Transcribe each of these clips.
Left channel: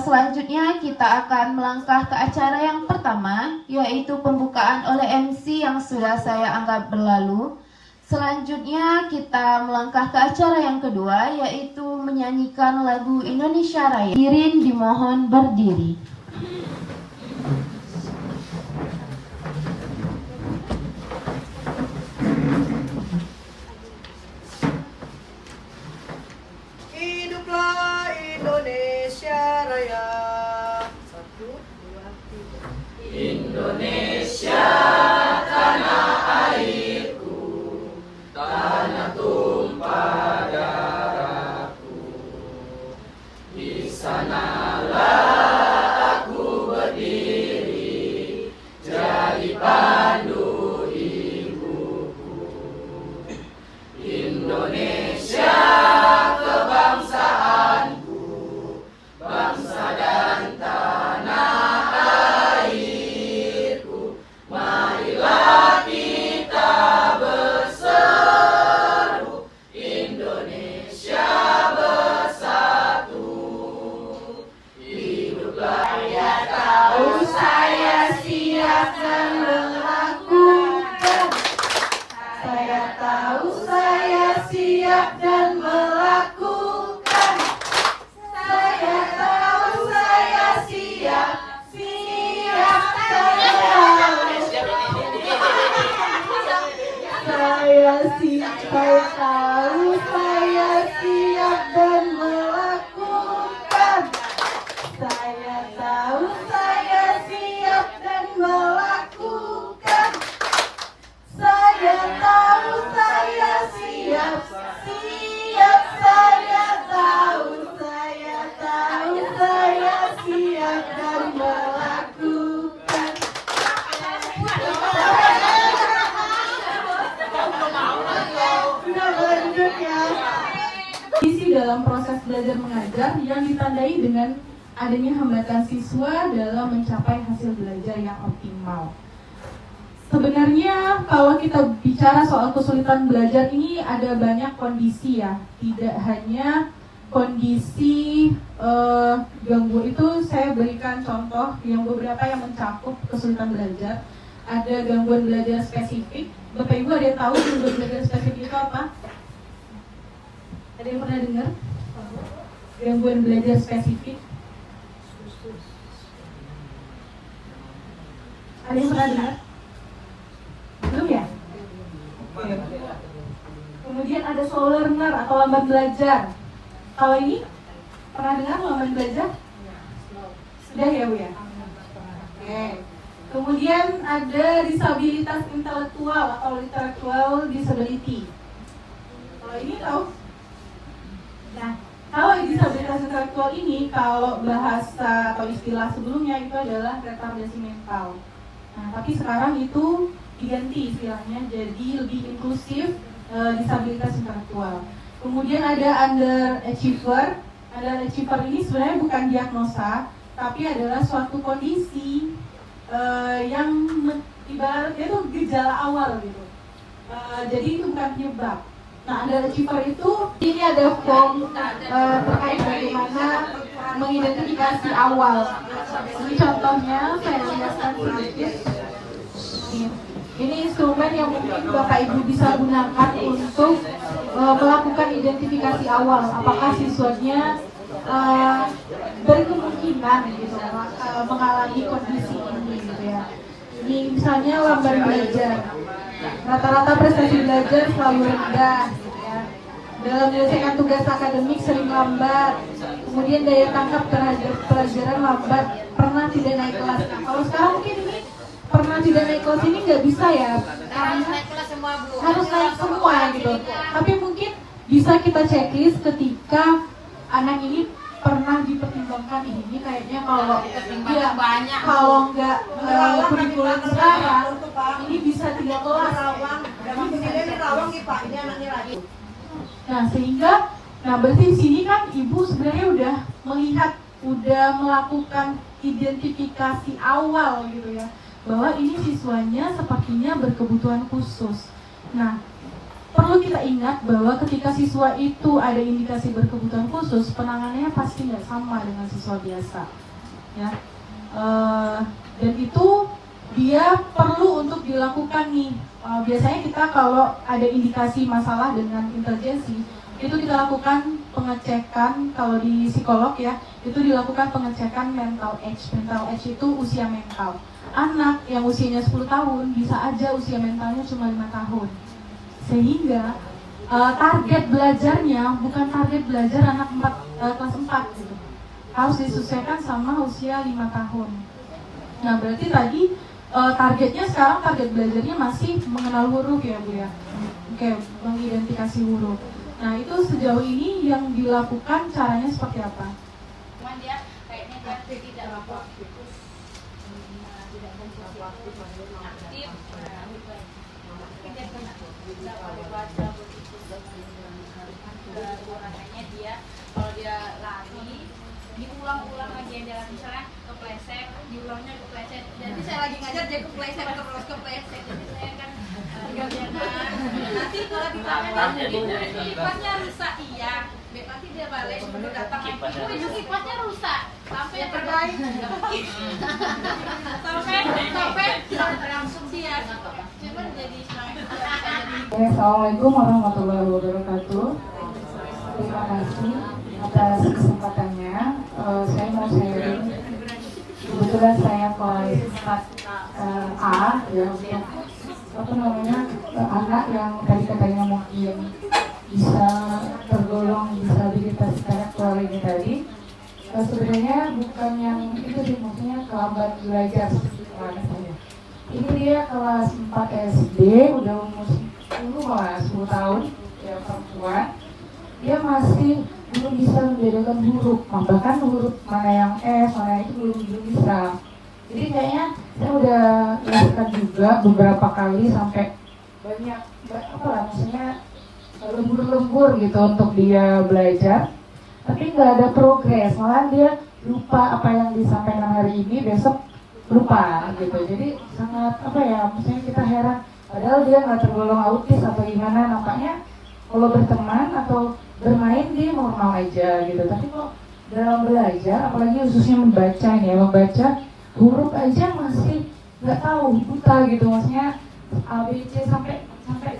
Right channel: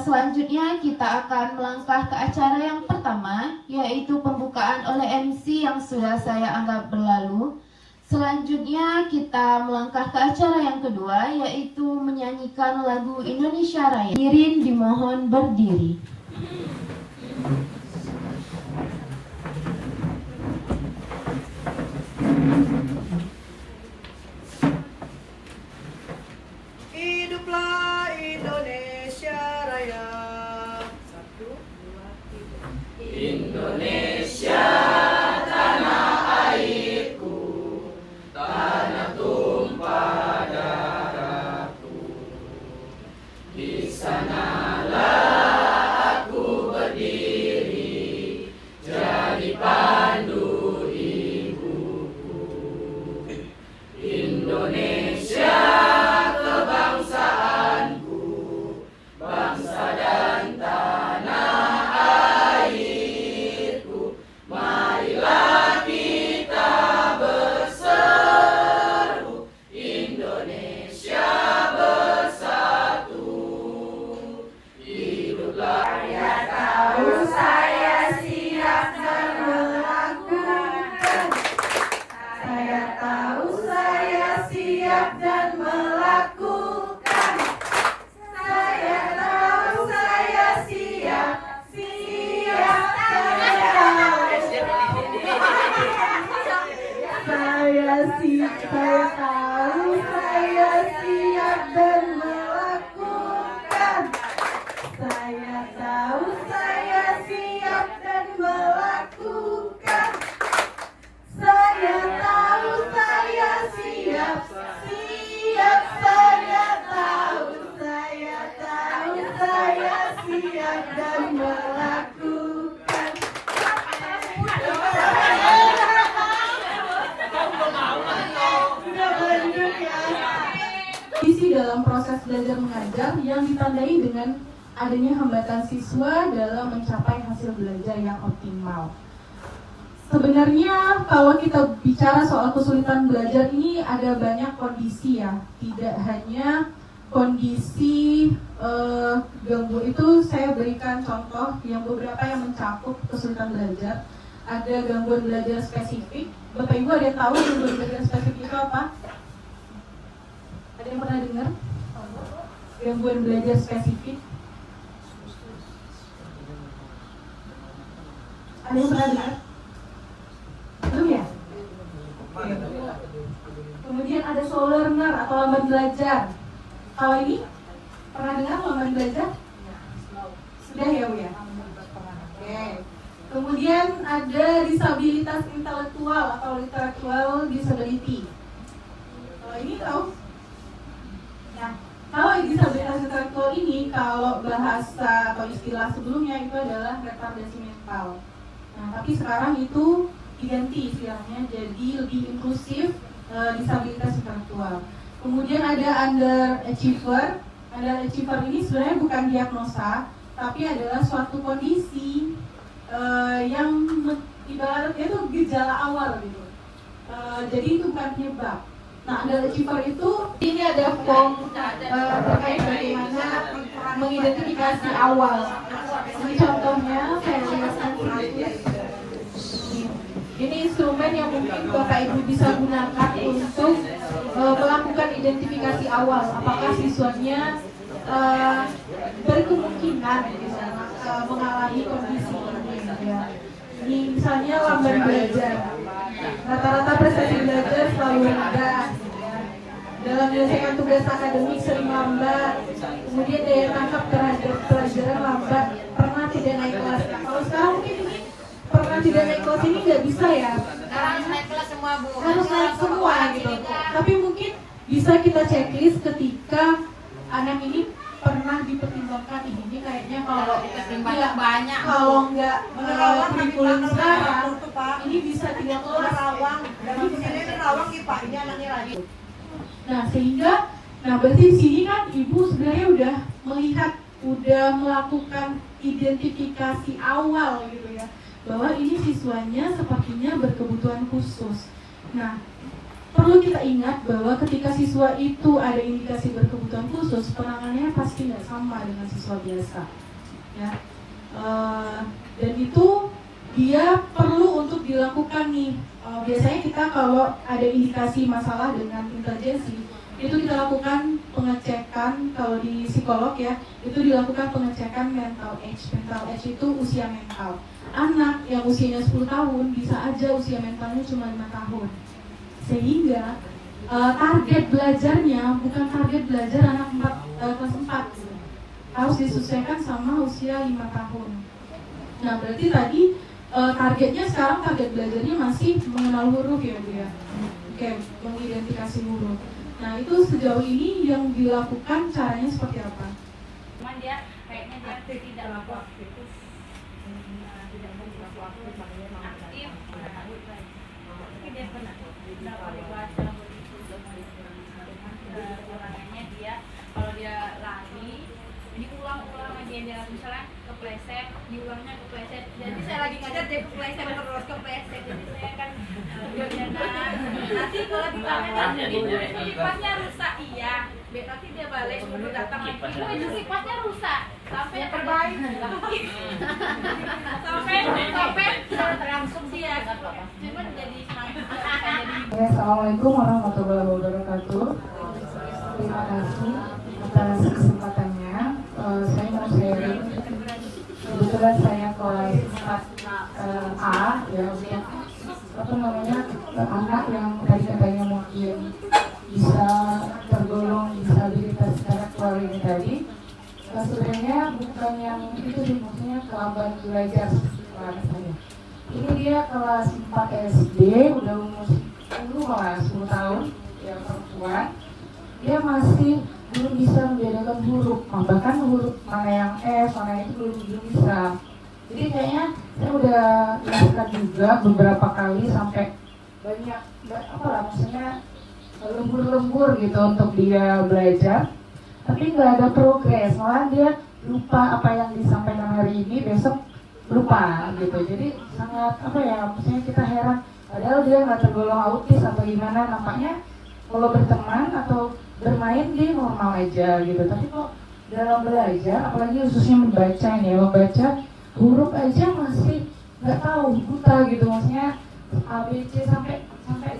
Selanjutnya kita akan melangkah ke acara yang pertama, yaitu pembukaan oleh MC yang sudah saya anggap berlalu. Selanjutnya kita melangkah ke acara yang kedua, yaitu menyanyikan lagu Indonesia Raya. Hadirin dimohon berdiri. Hiduplah Indonesia Raya. 1, 2, 3. Indonesia tanah airku, tanah tumpah darahku. Di sanalah aku berdiri, jadi pandu ibuku. Indonesia kebangsaanku, bangsa dan tanah airku. Marilah kita berseru, Indonesia bersatu. Hiduplah saya tahu saya siap dan melakukan. Saya tahu saya siap dan melakukan. Saya tahu saya siap, siap saya tahu saya siap dan melakukan. Saya tahu saya siap dan melakukan. Saya tahu saya siap, siap saya tahu saya siap dan melakukan. Isi dalam proses belajar mengajar yang ditandai dengan adanya hambatan siswa dalam mencapai hasil belajar yang optimal. Sebenarnya kalau kita bicara soal kesulitan belajar ini ada banyak kondisi ya, tidak hanya kondisi gangguan. Itu saya berikan contoh yang beberapa yang mencakup kesulitan belajar. Ada gangguan belajar spesifik. Bapak Ibu ada yang tahu gangguan belajar spesifik itu apa? Ada yang pernah dengar? Gangguan belajar spesifik? Ada yang pernah dengar? Belum ya? Oke. Kemudian ada slow learner atau lambat belajar. Kalau ini pernah dengar lambat belajar? Sudah ya Bu ya? Oke. Kemudian ada disabilitas intelektual atau intellectual disability. Kalau ini tahu? Nah, kalau disabilitas intelektual ini, kalau bahasa atau istilah sebelumnya itu adalah retardasi mental. Nah, tapi sekarang itu diganti istilahnya jadi lebih inklusif, disabilitas intelektual. Kemudian ada underachiever. Underachiever ini sebenarnya bukan diagnosa, tapi adalah suatu kondisi yang ibaratnya itu gejala awal gitu. Jadi itu bukan penyebab. Nah, underachiever itu ini ada form terkait bagaimana mengidentifikasi awal. Ini contohnya saya lihatkan sedikit. Ini instrumen yang mungkin Bapak Ibu bisa gunakan untuk melakukan identifikasi awal. Apakah siswanya berkemungkinan mengalami kondisi ini, gitu ya. Ini misalnya lambat belajar. Rata-rata prestasi belajar selalu rendah. Ya. Dalam menyelesaikan tugas akademik sering lambat. Kemudian daya tangkap terhadap pelajaran lambat. Pernah tidak naik kelas. Nah, kalau sekarang mungkin ini pernah tidak naik kelas ini nggak bisa ya, Harus naik kelas semua Bu. harus naik semua gitu. Tapi mungkin bisa kita checklist ketika anak ini pernah dipertimbangkan ini kayaknya kalau Pertimbangan banyak. kalau nggak kurikulum sekarang ini bisa tidak kelas. Nah sehingga, berarti di sini kan ibu sebenarnya udah melihat, udah melakukan identifikasi awal gitu ya, bahwa ini siswanya sepertinya berkebutuhan khusus. Nah, perlu kita ingat bahwa ketika siswa itu ada indikasi berkebutuhan khusus, penanganannya pasti nggak sama dengan siswa biasa, ya. Dan itu dia perlu untuk dilakukan nih. Biasanya kita kalau ada indikasi masalah dengan intelijensi, itu kita lakukan pengecekan. Kalau di psikolog ya, itu dilakukan pengecekan mental age. Mental age itu usia mental. Anak yang usianya 10 tahun bisa aja usia mentalnya cuma 5 tahun. Sehingga target belajarnya bukan target belajar anak kelas 4 gitu. Harus disesuaikan sama usia 5 tahun. Nah, berarti tadi targetnya sekarang target belajarnya masih mengenal huruf ya Bu ya. Oke, mengidentifikasi huruf. Nah, itu sejauh ini yang dilakukan caranya seperti apa? Cuman dia kayaknya kan tidak aktif. Kewenangannya dia kalau dia lari diulang-ulang lagi yang dia lagi, misalnya kepleset, diulangnya kepleset. Jadi saya lagi ngajar dia kepleset, jadi saya kan nanti kalau ditanya sifat-sifatnya rusak, iya. Nanti dia balik sebelum datang lagi, sifatnya rusak sampai yang terbaik. sampai langsung dia. Cuman jadi Assalamualaikum warahmatullahi wabarakatuh. Terima kasih atas kesempatannya. Saya mau sharing. Kebetulan saya kelas 4A ya, anak yang tadi katanya mungkin bisa tergolong disabilitas intelektual ini tadi. Sebenarnya bukan yang itu sih, maksudnya kelambat belajar saja. Ini dia kelas 4 SD, udah umur 10 tahun, ya perempuan. Dia masih belum bisa membedakan huruf, bahkan huruf mana yang S, mana itu belum bisa. Jadi kayaknya saya udah lakukan juga beberapa kali sampai banyak maksudnya lembur-lembur gitu untuk dia belajar, tapi nggak ada progres, malah dia lupa apa yang disampaikan hari ini, besok lupa gitu. Jadi sangat maksudnya kita heran, padahal dia nggak tergolong autis atau gimana, nampaknya kalau berteman atau bermain dia normal aja gitu, tapi kok dalam belajar, apalagi khususnya membaca huruf aja masih nggak tahu, buta gitu, maksudnya A, B, C sampai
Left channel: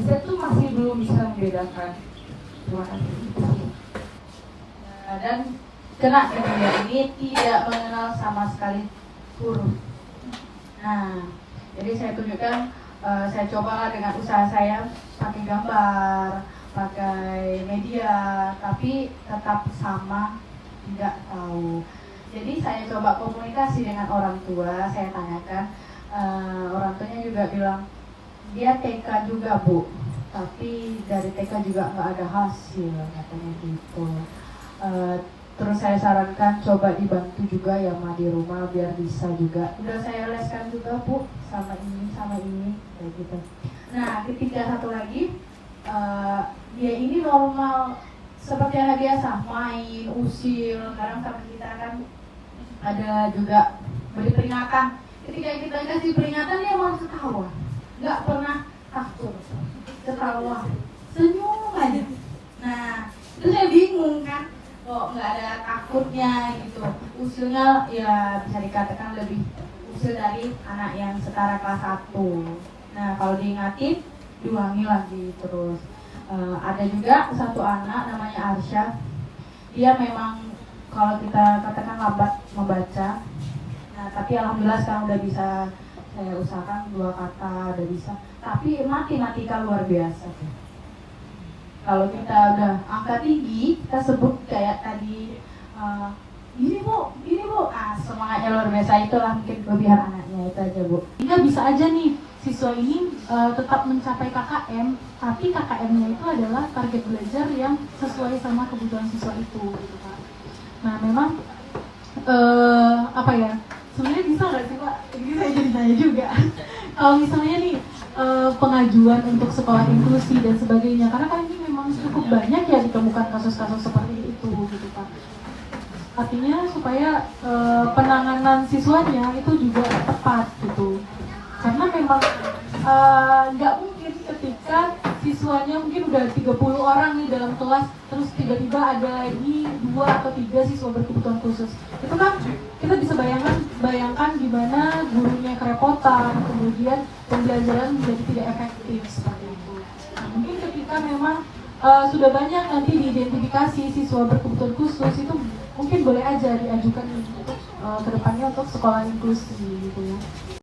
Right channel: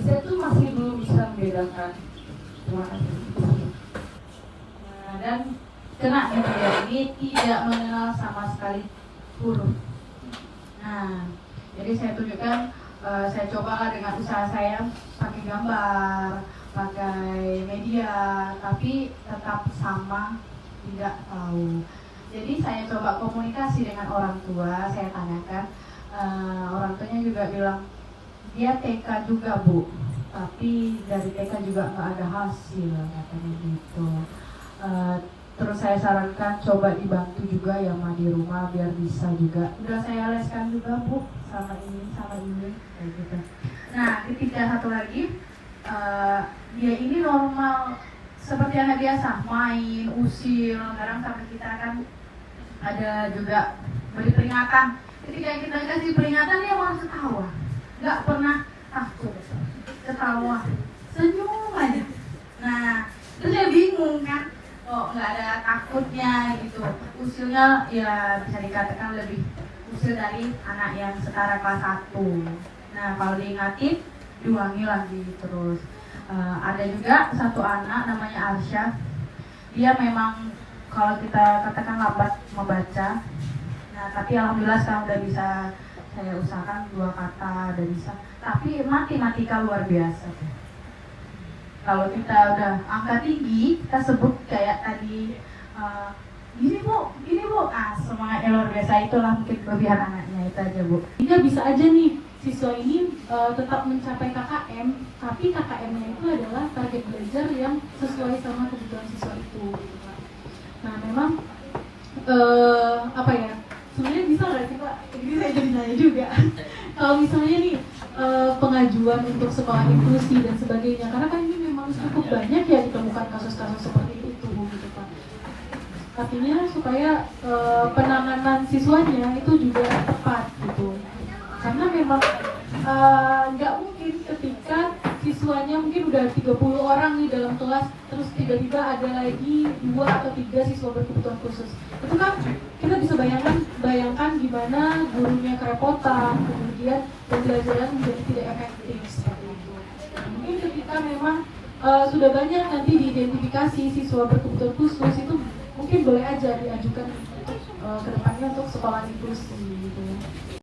Z tuh masih belum bisa membedakan. Terima kasih. Nah, dan kena ini tidak mengenal sama sekali huruf. Nah, jadi saya tunjukkan, saya coba dengan usaha saya pakai gambar, pakai media, tapi tetap sama, tidak tahu. Jadi saya coba komunikasi dengan orang tua, saya tanyakan, orang tuanya juga bilang, dia TK juga Bu, tapi dari TK juga nggak ada hasil, katanya gitu. Terus saya sarankan coba dibantu juga ya Ma di rumah biar bisa juga. Udah saya leskan juga Bu, sama ini, kayak gitu. Nah, ketika satu lagi, dia ini normal seperti anak biasa, main, usil. Sekarang sama kita kan ada juga beri peringatan. Ketika kita kasih peringatan dia malah ketawa, nggak pernah takut, ketawa, senyum aja. Nah, terus saya bingung kan, kok nggak ada takutnya gitu. Usilnya ya bisa dikatakan lebih usil dari anak yang setara kelas 1. Nah, kalau diingatin diulangi lagi terus. Ada juga satu anak namanya Arsya, dia memang kalau kita katakan lambat membaca, nah tapi alhamdulillah sekarang udah bisa saya usahakan 2 kata udah bisa, tapi matematika luar biasa. Kalau kita udah angka tinggi, kita sebut kayak tadi gini bu, semangatnya luar biasa, itulah mungkin kelebihan anaknya, itu aja Bu. Ini bisa aja nih siswa ini tetap mencapai KKM, tapi KKM-nya itu adalah target belajar yang sesuai sama kebutuhan siswa itu, gitu Pak. Nah, memang sebenarnya bisa nggak sih Pak? Ini saya jadi nanya juga. Kalau misalnya nih pengajuan untuk sekolah inklusi dan sebagainya, karena kan ini memang cukup banyak ya ditemukan kasus-kasus seperti itu, gitu Pak. Artinya supaya penanganan siswanya itu juga tepat gitu. Karena memang nggak mungkin ketika siswa siswanya mungkin udah 30 orang nih dalam kelas, terus tiba-tiba ada lagi 2 atau 3 siswa berkebutuhan khusus. Itu kan kita bisa bayangkan gimana gurunya kerepotan, kemudian pembelajaran menjadi tidak efektif seperti itu. Mungkin ketika memang sudah banyak nanti diidentifikasi siswa berkebutuhan khusus, itu mungkin boleh aja diajukan untuk kedepannya untuk sekolah inklusi gitu ya.